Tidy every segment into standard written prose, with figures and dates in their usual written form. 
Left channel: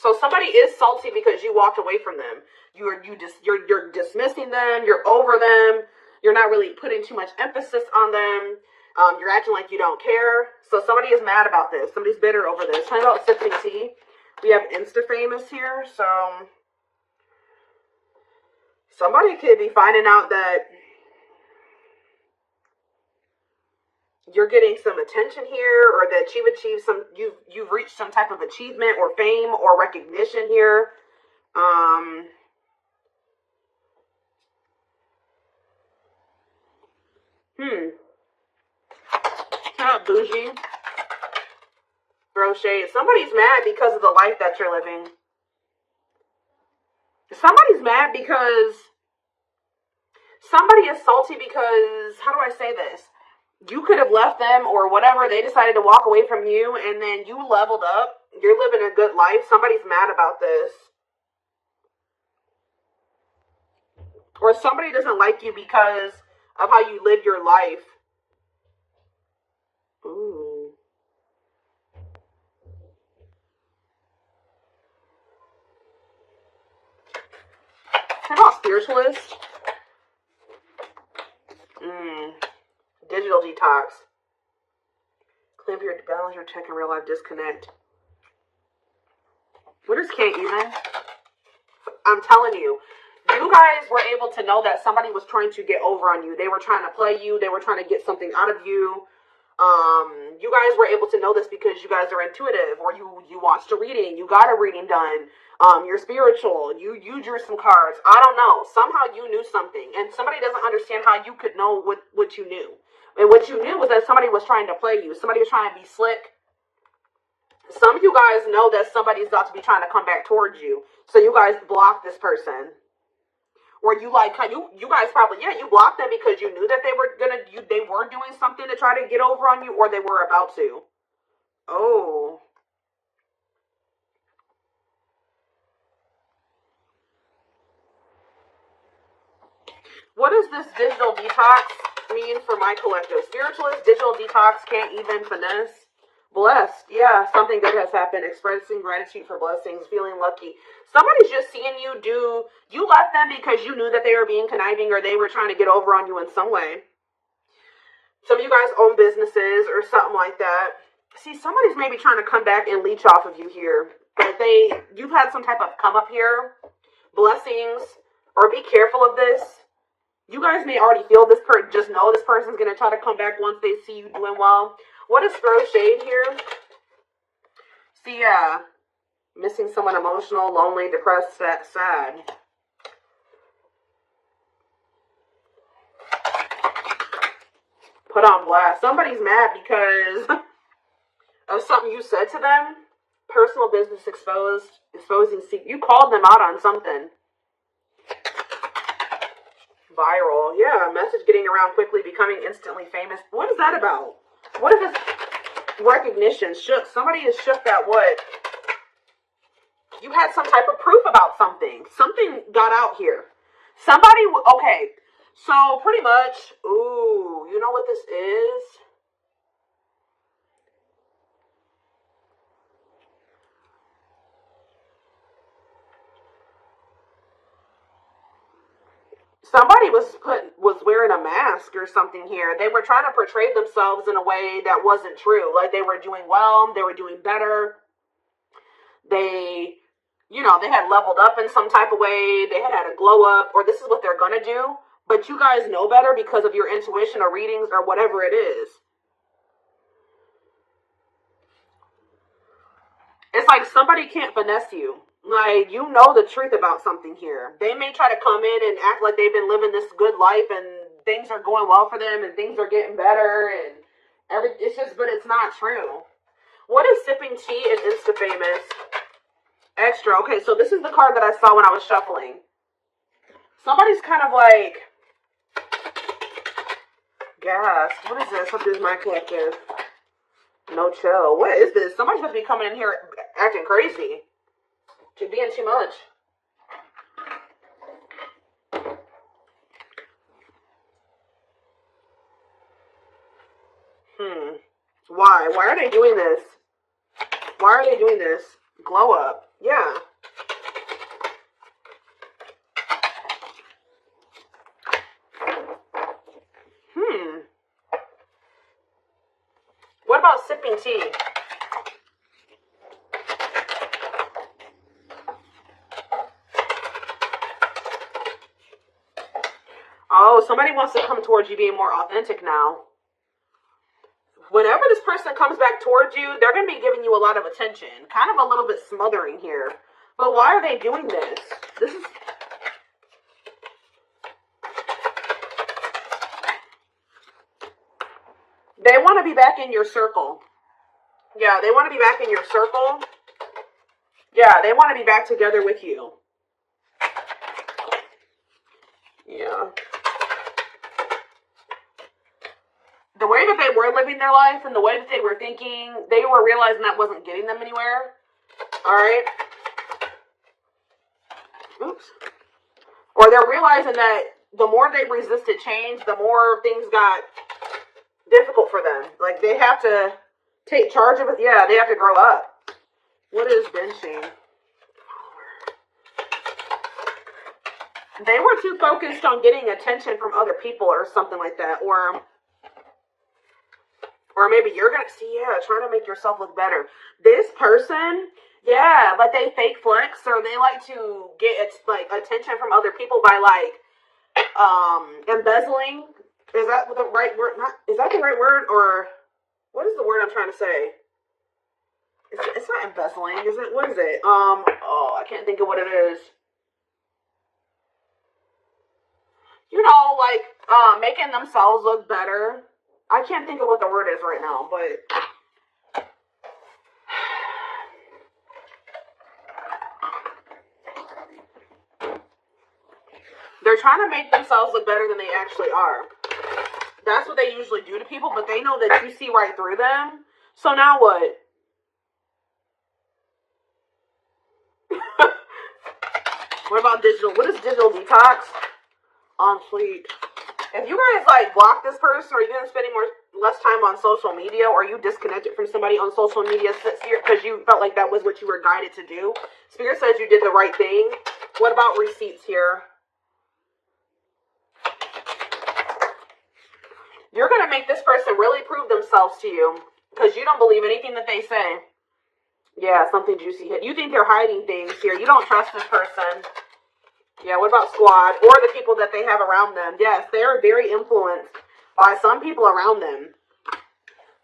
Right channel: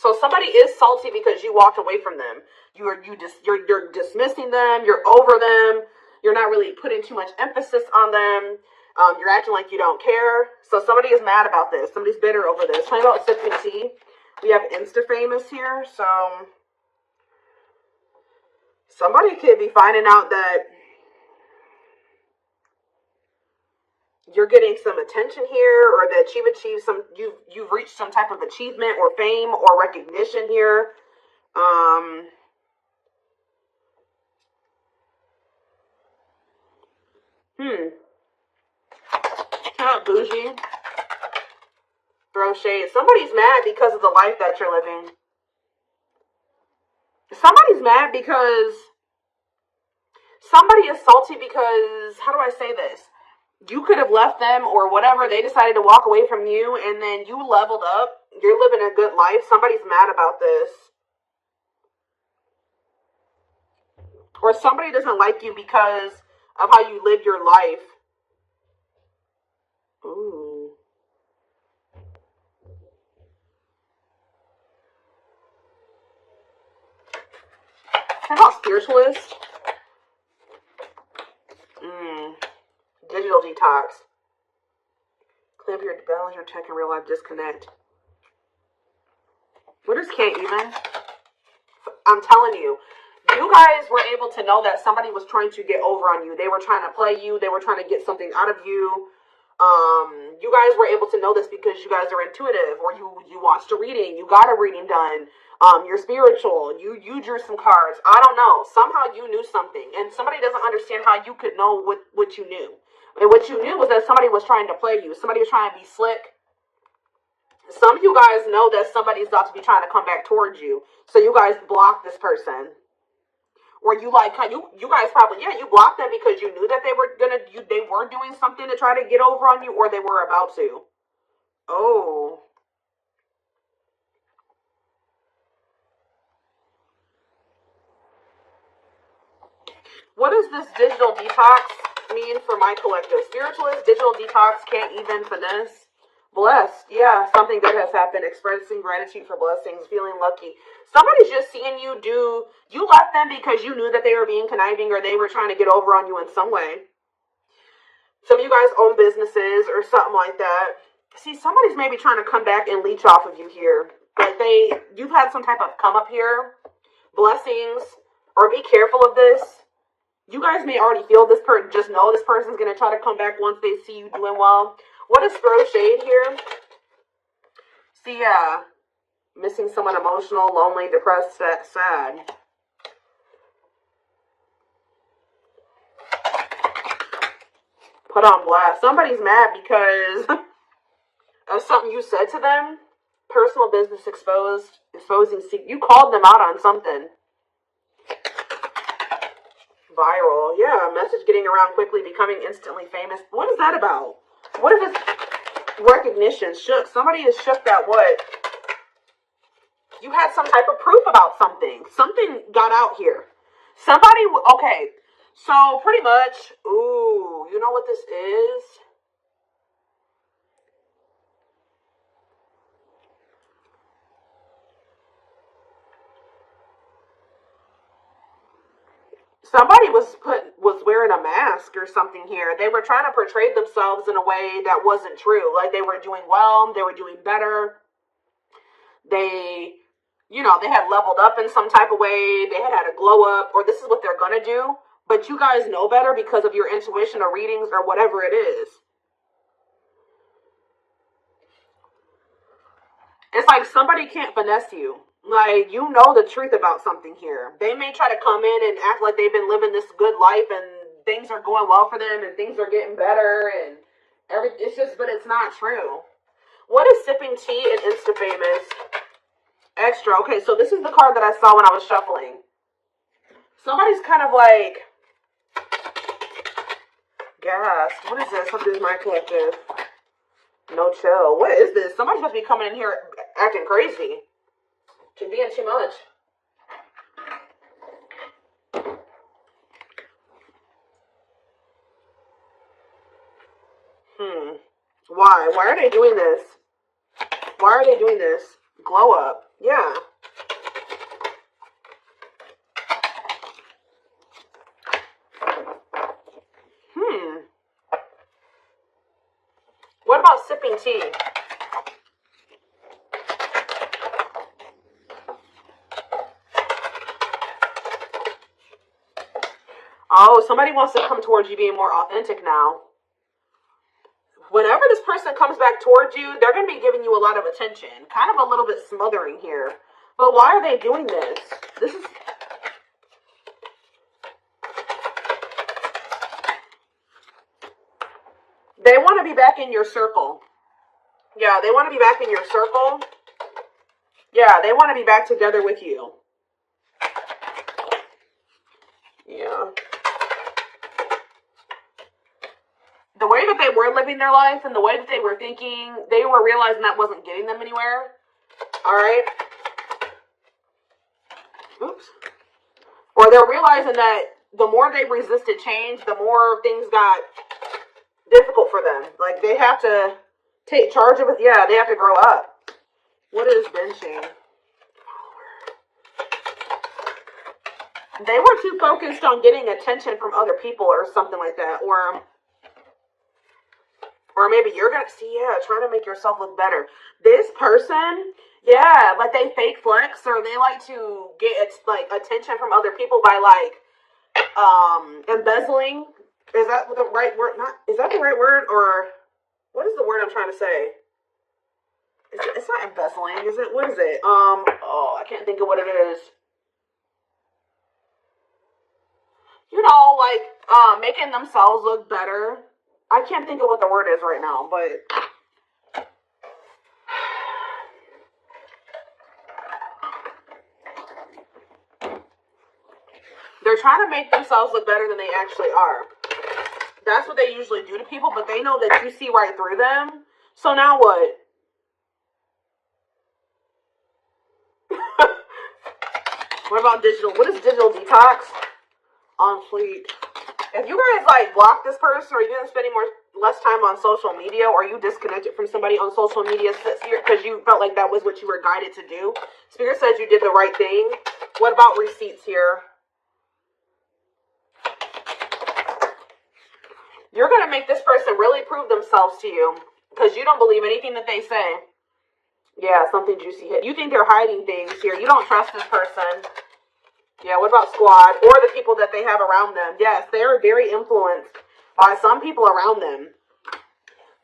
So somebody is salty because you walked away from them. You're dismissing them. You're over them. You're not really putting too much emphasis on them. You're acting like you don't care. So somebody is mad about this. Somebody's bitter over this. Talking about sipping tea. We have Insta famous here. So somebody could be finding out that you're getting some attention here, or that you've achieved you've reached some type of achievement or fame or recognition here. Kind of bougie. Throw shade. Somebody's mad because of the life that you're living. Somebody's mad because somebody is salty because, how do I say this? You could have left them or whatever. They decided to walk away from you, and then you leveled up. You're living a good life. Somebody's mad about this. Or somebody doesn't like you because of how you live your life. Ooh. How about spiritualist? Digital detox. Clear your balance, your check, and real life disconnect. What is can't even? I'm telling you. You guys were able to know that somebody was trying to get over on you. They were trying to play you. They were trying to get something out of you. You guys were able to know this because you guys are intuitive, or you watched a reading. You got a reading done. You're spiritual. You drew some cards. I don't know. Somehow you knew something, and somebody doesn't understand how you could know what you knew. And what you knew was that somebody was trying to play you. Somebody was trying to be slick. Some of you guys know that somebody's about to be trying to come back towards you. So you guys block this person. Or you guys probably, you blocked them because you knew that they were doing something to try to get over on you, or they were about to. Oh. What does this digital detox mean for my collective? Spiritualist, digital detox, can't even finesse. Blessed. Yeah, something good has happened. Expressing gratitude for blessings, feeling lucky. Somebody's just seeing you you left them because you knew that they were being conniving, or they were trying to get over on you in some way. Some of you guys own businesses or something like that. See, somebody's maybe trying to come back and leech off of you here. Like you've had some type of come up here, blessings, or be careful of this. You guys may already feel this person, just know this person's going to try to come back once they see you doing well. What is throw shade here? See, missing someone emotional, lonely, depressed, sad. Put on blast. Somebody's mad because of something you said to them. Personal business exposing. You called them out on something. Viral. Yeah, message getting around quickly, becoming instantly famous. What is that about? What if it's recognition? Shook. Somebody is shook that what? You had some type of proof about something. Something got out here. Somebody, okay. So pretty much, ooh, you know what this is? Somebody was wearing a mask or something here. They were trying to portray themselves in a way that wasn't true. Like they were doing well, they were doing better. They had leveled up in some type of way. They had a glow up, or this is what they're going to do. But you guys know better because of your intuition or readings or whatever it is. It's like somebody can't finesse you. Like, you know the truth about something here. They may try to come in and act like they've been living this good life and things are going well for them and things are getting better and it's just, but it's not true. What is sipping tea and Insta famous? Extra. Okay, so this is the card that I saw when I was shuffling. Somebody's kind of like gassed. What is this? What is my collective? No chill. What is this? Somebody's supposed to be coming in here acting crazy. Can be in too much. Why? Why are they doing this? Why are they doing this? Glow up. Yeah. What about sipping tea? Oh, somebody wants to come towards you being more authentic now. Whenever this person comes back towards you, they're going to be giving you a lot of attention. Kind of a little bit smothering here. But why are they doing this? This is... They want to be back in your circle. Yeah, they want to be back in your circle. Yeah, they want to be back together with you. Yeah. The way that they were living their life and the way that they were thinking, they were realizing that wasn't getting them anywhere. Alright? Oops. Or they're realizing that the more they resisted change, the more things got difficult for them. Like, they have to take charge of it. Yeah, they have to grow up. What is benching? They were too focused on getting attention from other people or something like that. Or maybe you're going to see, yeah, trying to make yourself look better. This person, yeah, like they fake flex or they like to get like attention from other people by like embezzling. Is that the right word? Is that the right word? Or what is the word I'm trying to say? It's not embezzling, is it? What is it? Oh, I can't think of what it is. You know, like making themselves look better. I can't think of what the word is right now, but they're trying to make themselves look better than they actually are. That's what they usually do to people, but they know that you see right through them. So now what? What about digital? What is digital detox? On fleek. If you guys like block this person, or you're gonna spending less time on social media, or you disconnected from somebody on social media because you felt like that was what you were guided to do, Spirit says you did the right thing. What about receipts here? You're gonna make this person really prove themselves to you because you don't believe anything that they say. Yeah, something juicy hit. You think they're hiding things here. You don't trust this person. Yeah, what about squad? Or the people that they have around them. Yes, they are very influenced by some people around them.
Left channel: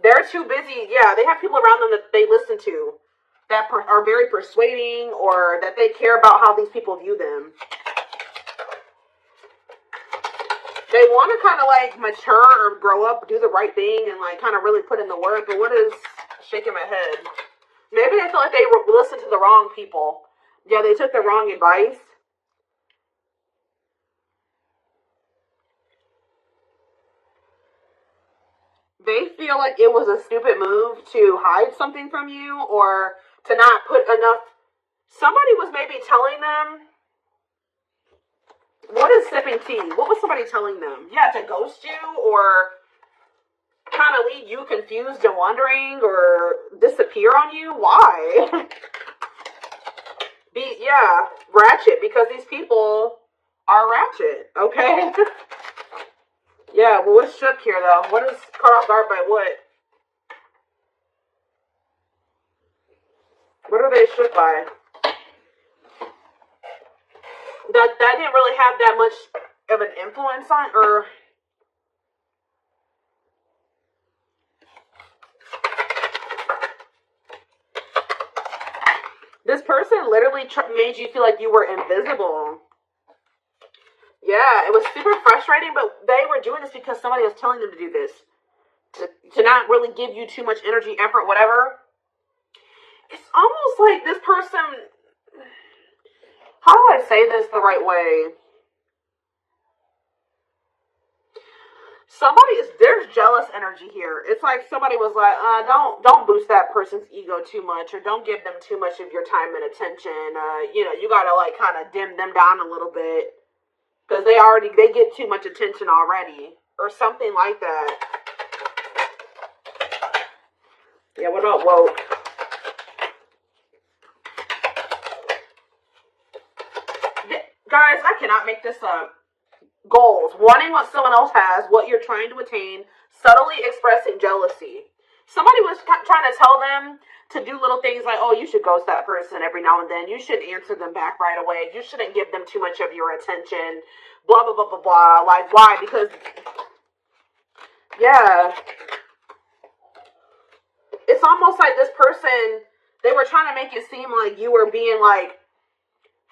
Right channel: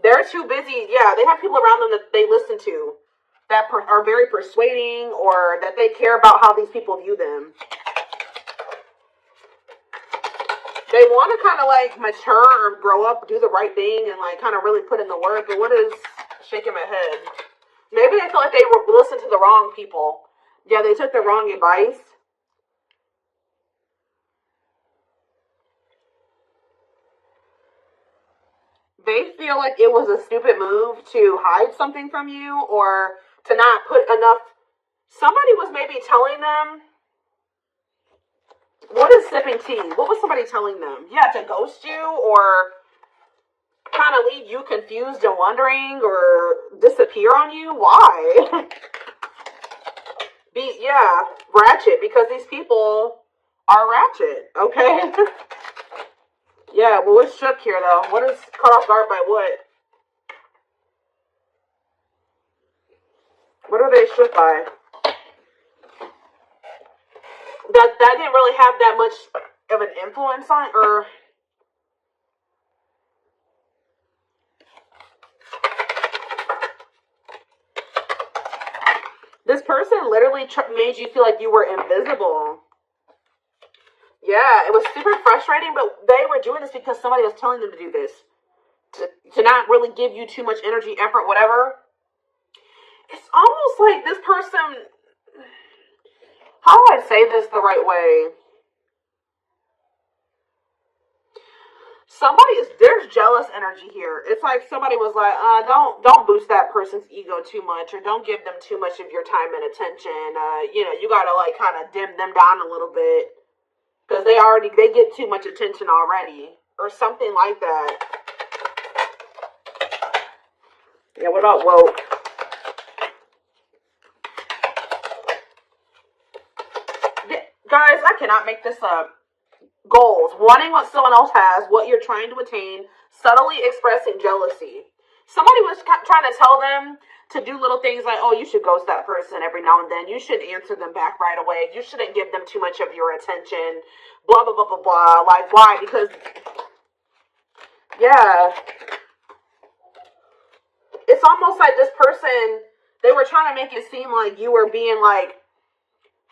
They're too busy. Yeah, they have people around them that they listen to that are very persuading or that they care about how these people view them. They want to kind of like mature or grow up, do the right thing, and like kind of really put in the work. But what is shaking my head? Maybe they feel like they listened to the wrong people. Yeah, they took the wrong advice. They feel like it was a stupid move to hide something from you or to not put enough. Somebody was maybe telling them. What is sipping tea? What was somebody telling them? Yeah, to ghost you or kind of leave you confused and wondering or disappear on you? Why? Ratchet, because these people are ratchet, okay? Yeah, well, what's shook here, though? What is caught off guard by what? What are they shook by? That didn't really have that much of an influence on, or... This person literally made you feel like you were invisible. Yeah, it was super frustrating, but they were doing this because somebody was telling them to do this. To not really give you too much energy, effort, whatever. It's almost like this person... How do I say this the right way? There's jealous energy here. It's like somebody was like, don't boost that person's ego too much, or don't give them too much of your time and attention. You gotta like kind of dim them down a little bit. Because they get too much attention already. Or something like that. Yeah, what about woke? cannot make this up. Goals. Wanting what someone else has, what you're trying to attain, subtly expressing jealousy. Somebody was trying to tell them to do little things like, oh, you should ghost that person every now and then. You should answer them back right away. You shouldn't give them too much of your attention. Blah, blah, blah, blah, blah. Like, why? Because, yeah. It's almost like this person, they were trying to make it seem like you were being like,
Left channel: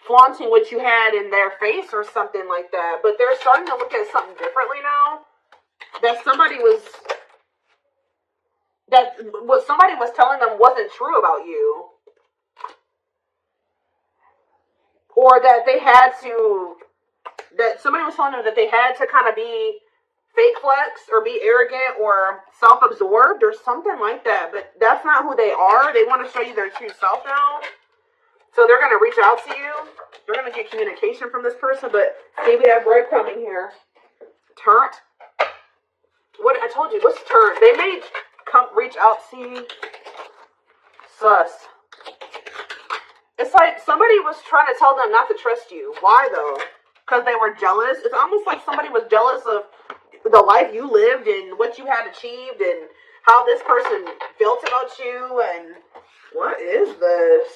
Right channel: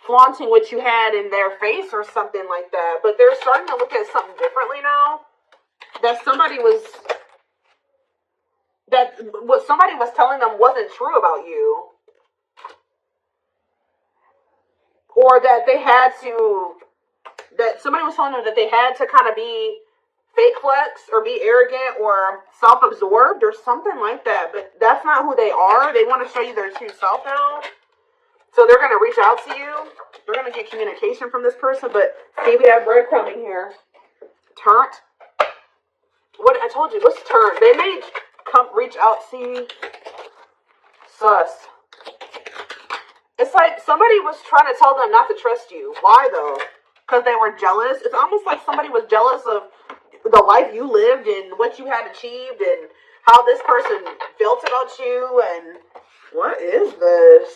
flaunting what you had in their face or something like that. But they're starting to look at something differently now. That what somebody was telling them wasn't true about you. Or that somebody was telling them that they had to kind of be fake flex or be arrogant or self-absorbed or something like that. But that's not who they are. They want to show you their true self now. So they're going to reach out to you. They're going to get communication from this person. But maybe I have breadcrumbing here. Turnt. What I told you, what's turn? They may come reach out. See? Sus. It's like somebody was trying to tell them not to trust you. Why though? Because they were jealous. It's almost like somebody was jealous of the life you lived and what you had achieved and how this person felt about you. And what is this?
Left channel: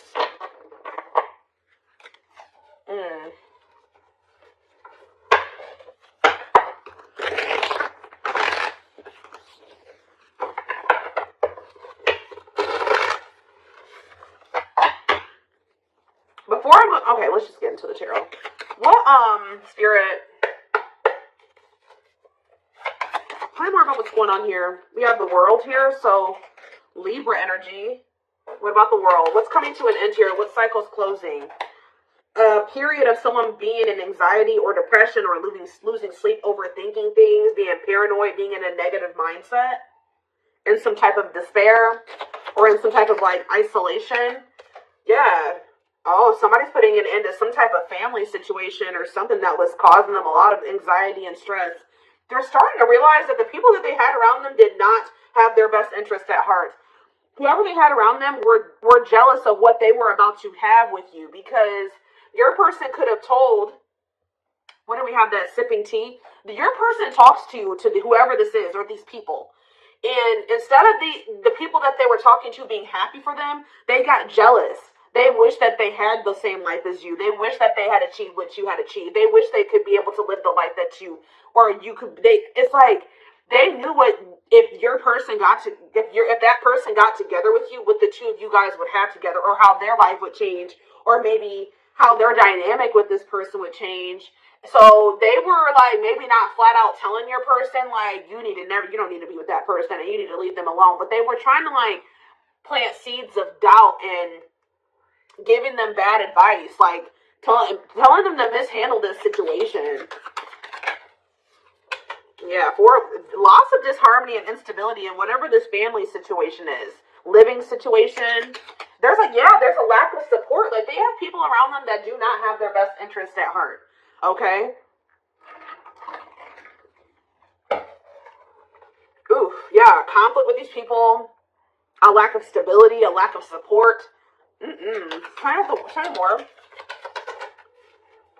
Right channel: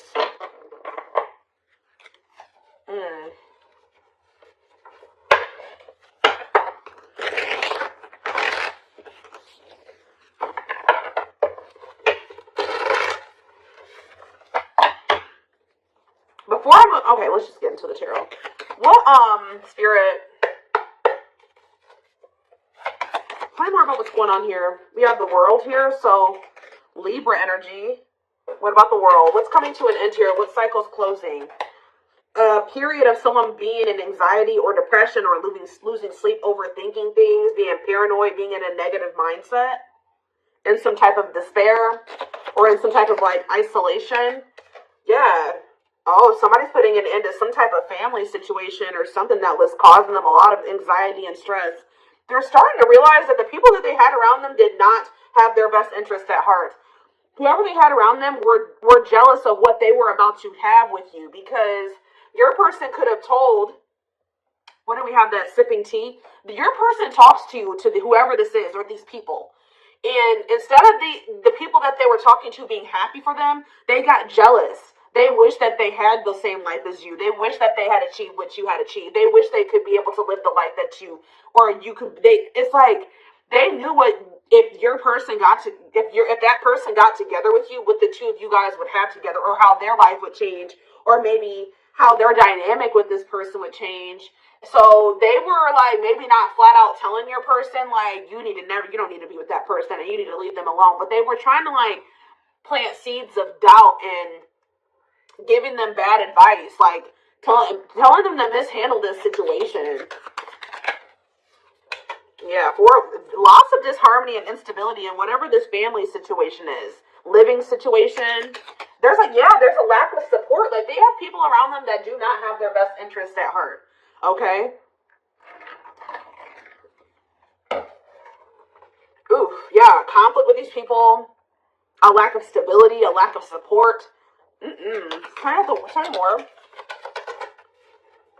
Before I'm okay, let's just get into the tarot. What spirit? Tell me more about what's going on here. We have the world here, so Libra energy. What about the world? What's coming to an end here? What cycle's closing? A period of someone being in anxiety or depression or losing sleep, overthinking things, being paranoid, being in a negative mindset, in some type of despair, or in some type of like isolation. Yeah. Oh, somebody's putting an end to some type of family situation or something that was causing them a lot of anxiety and stress. They're starting to realize that the people that they had around them did not have their best interest at heart. Whoever they had around them were jealous of what they were about to have with you, because your person could have told, what do we have, that sipping tea? Your person talks to whoever this is or these people. And instead of the people that they were talking to being happy for them, they got jealous. They wish that they had the same life as you. They wish that they had achieved what you had achieved. They wish they could be able to live the life that you, or you could. It's like they knew what if that person got together with you, what the two of you guys would have together, or how their life would change, or maybe how their dynamic with this person would change. So they were like maybe not flat out telling your person like you don't need to be with that person and you need to leave them alone. But they were trying to like plant seeds of doubt and giving them bad advice, like telling them to mishandle this situation. Yeah, for lots of disharmony and instability in whatever this family situation is, living situation. There's a lack of support. Like they have people around them that do not have their best interests at heart. Okay. Oof, yeah, conflict with these people, a lack of stability, a lack of support. Kind of more.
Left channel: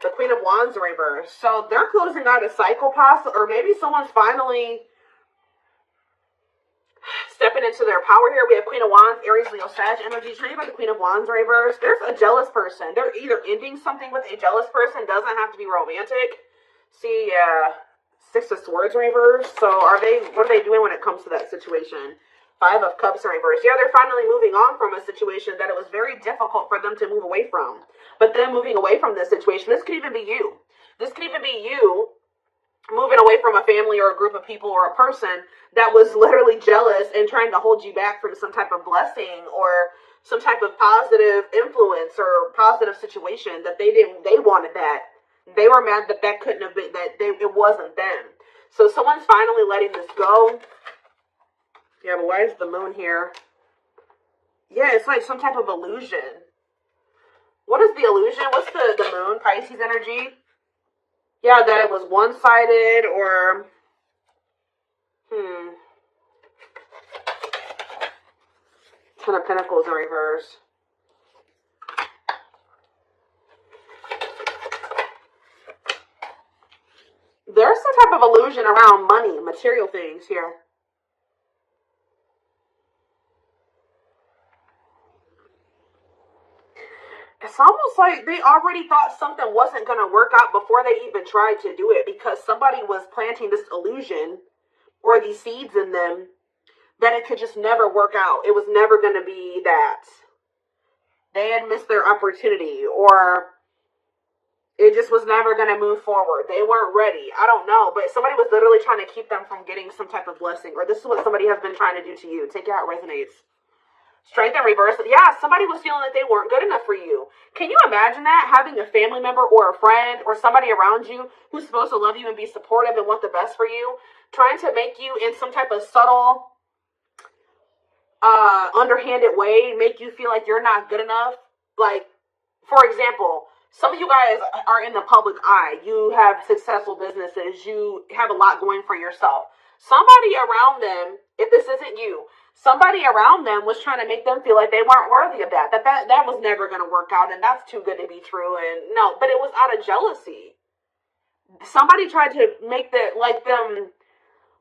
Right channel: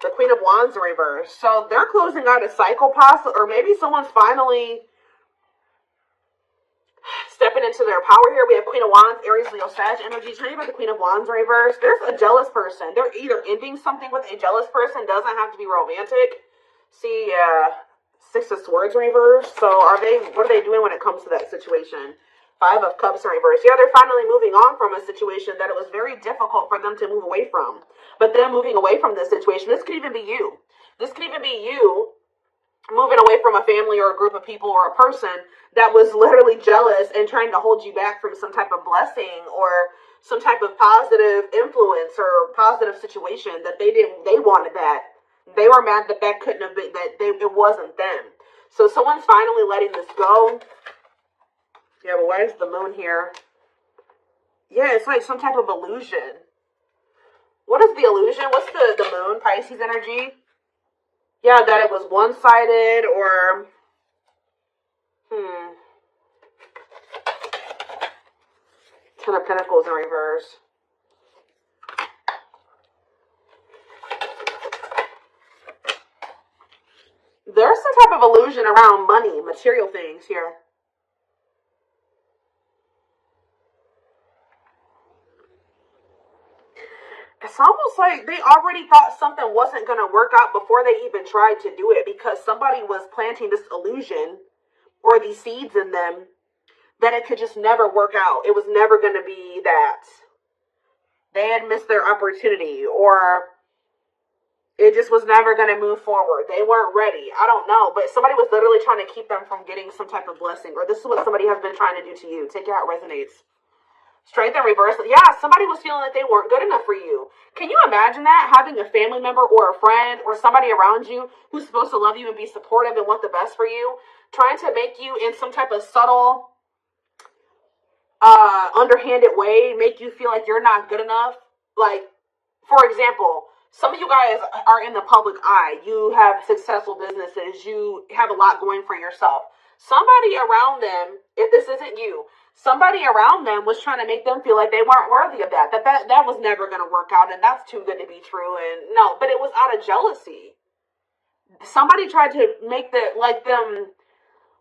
The Queen of Wands in reverse. So they're closing out a cycle, possibly, or maybe someone's finally stepping into their power here. We have Queen of Wands, Aries, Leo, Sag energy. Tell you about the Queen of Wands in reverse. There's a jealous person. They're either ending something with a jealous person. Doesn't have to be romantic. See, Six of Swords in reverse. So what are they doing when it comes to that situation? Five of Cups in reverse. Yeah, they're finally moving on from a situation that it was very difficult for them to move away from. But then moving away from this situation, this could even be you. This could even be you moving away from a family or a group of people or a person that was literally jealous and trying to hold you back from some type of blessing or some type of positive influence or positive situation that they wanted that. They were mad that couldn't have been, it wasn't them. So someone's finally letting this go. Yeah, but why is the moon here? Yeah, it's like some type of illusion. What is the illusion? What's the moon? Pisces energy? Yeah, that it was one-sided or... Ten of Pentacles in reverse. of illusion around money, material things here. It's almost like they already thought something wasn't going to work out before they even tried to do it, because somebody was planting this illusion or these seeds in them that it could just never work out. It was never going to be that. They had missed their opportunity, or it just was never going to move forward. They weren't ready. I don't know, but somebody was literally trying to keep them from getting some type of blessing, or this is what somebody has been trying to do to you. Take it how it resonates. Strength and reverse. Yeah, somebody was feeling like they weren't good enough for you. Can you imagine that? Having a family member or a friend or somebody around you who's supposed to love you and be supportive and want the best for you, trying to make you in some type of subtle, underhanded way, make you feel like you're not good enough. Like, for example, some of you guys are in the public eye. You have successful businesses. You have a lot going for yourself. Somebody around them, if this isn't you, somebody around them was trying to make them feel like they weren't worthy of that. That was never going to work out, and that's too good to be true. And no, but it was out of jealousy. Somebody tried to make them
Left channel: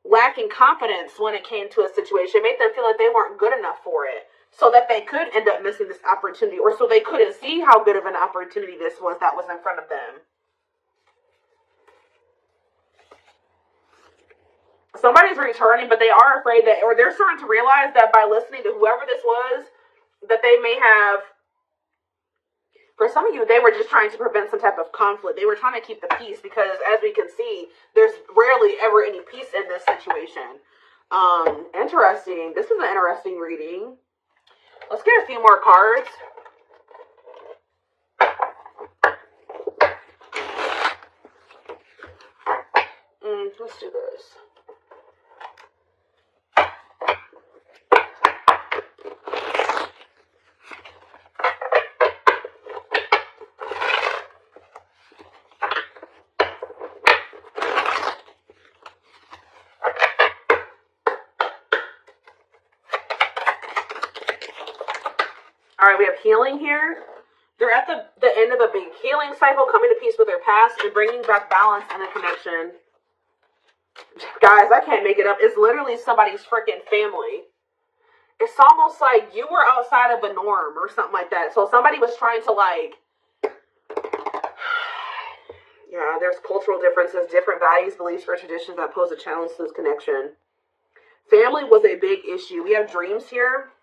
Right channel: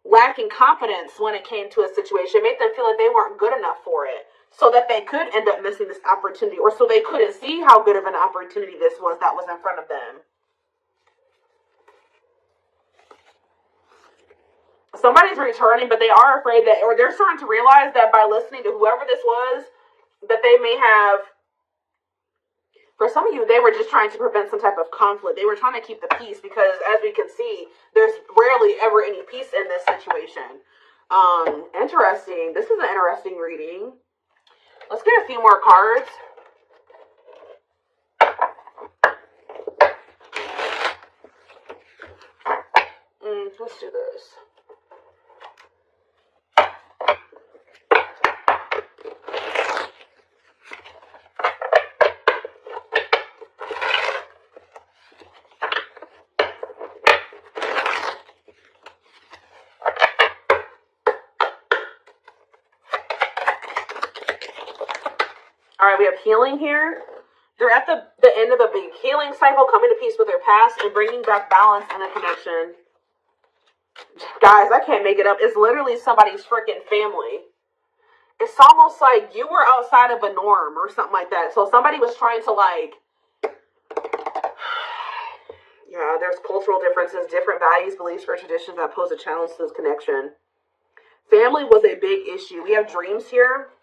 lacking confidence when it came to a situation, made them feel like they weren't good enough for it, so that they could end up missing this opportunity, or so they couldn't see how good of an opportunity this was that was in front of them. Somebody's returning, but they are afraid that, or they're starting to realize that by listening to whoever this was, that they may have, for some of you, they were just trying to prevent some type of conflict. They were trying to keep the peace, because as we can see, there's rarely ever any peace in this situation. Interesting. This is an interesting reading. Let's get a few more cards. Let's do this. We have healing here. They're at the end of a big healing cycle, coming to peace with their past and bringing back balance and a connection. Guys, I can't make it up. It's literally somebody's freaking family. It's almost like you were outside of a norm or something like that. So somebody was trying to yeah, there's cultural differences, different values, beliefs, or traditions that pose a challenge to this connection. Family was a big issue. We have dreams here.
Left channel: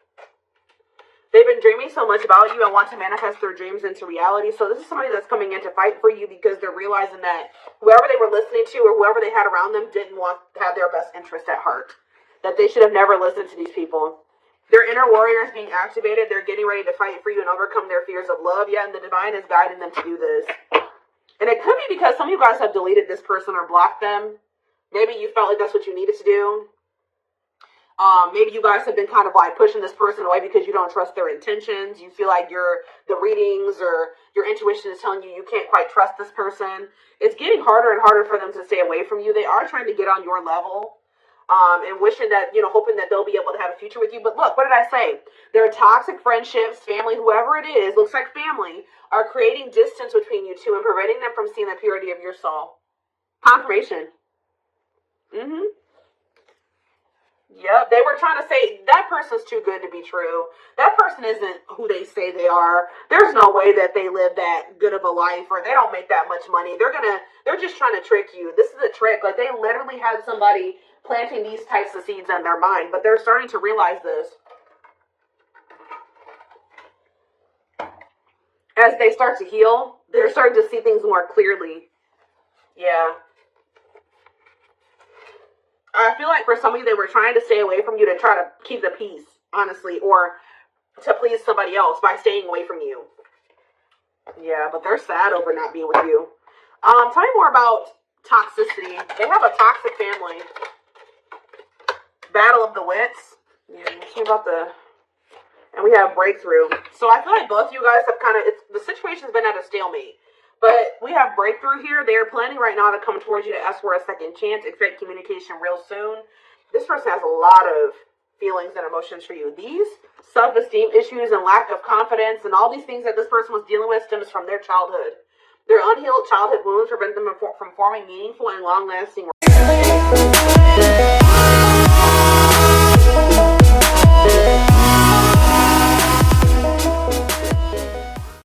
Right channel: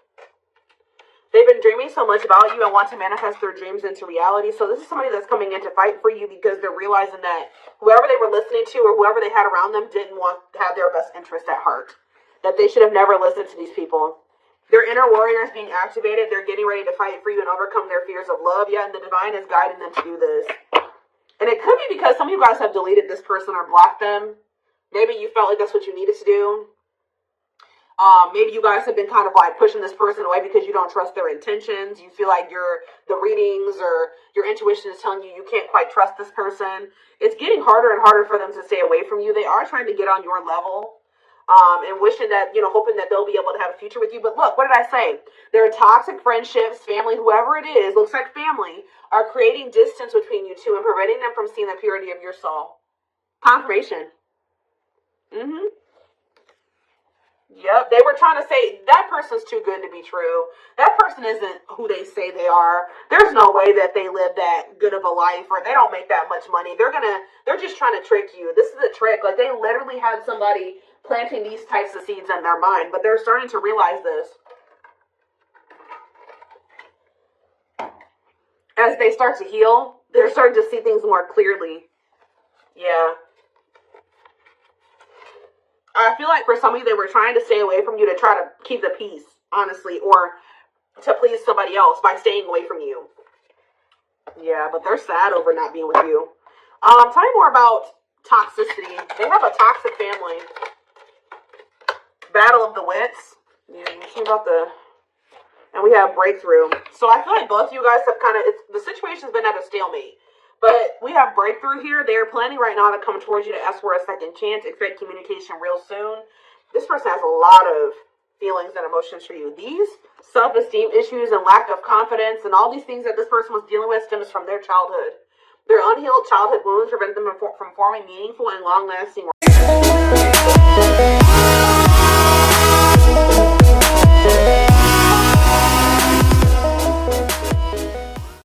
They've been dreaming so much about you and want to manifest their dreams into reality. So this is somebody that's coming in to fight for you, because they're realizing that whoever they were listening to or whoever they had around them didn't want to have their best interest at heart. That they should have never listened to these people. Their inner warrior is being activated. They're getting ready to fight for you and overcome their fears of love. Yeah, and the divine is guiding them to do this. And it could be because some of you guys have deleted this person or blocked them. Maybe you felt like that's what you needed to do. Maybe you guys have been kind of pushing this person away because you don't trust their intentions. You feel like the readings or your intuition is telling you you can't quite trust this person. It's getting harder and harder for them to stay away from you. They are trying to get on your level, and wishing that, hoping that they'll be able to have a future with you. But look, what did I say? Their toxic friendships, family, whoever it is, looks like family, are creating distance between you two and preventing them from seeing the purity of your soul. Confirmation. Yep, they were trying to say, that person's too good to be true. That person isn't who they say they are. There's no way that they live that good of a life, or they don't make that much money. They're just trying to trick you. This is a trick. They literally had somebody planting these types of seeds in their mind, but they're starting to realize this. As they start to heal, they're starting to see things more clearly. Yeah. I feel like for some of you, they were trying to stay away from you to try to keep the peace, honestly, or to please somebody else by staying away from you. Yeah, but they're sad over not being with you. Tell me more about toxicity. They have a toxic family. Battle of the wits. Yeah, and we have breakthrough. So I feel like both of you guys have the situation's been at a stalemate. But we have breakthrough here. They are planning right now to come towards you to ask for a second chance. Expect communication real soon. This person has a lot of feelings and emotions for you. These self-esteem issues and lack of confidence and all these things that this person was dealing with stems from their childhood. Their unhealed childhood wounds prevent them from forming meaningful and long-lasting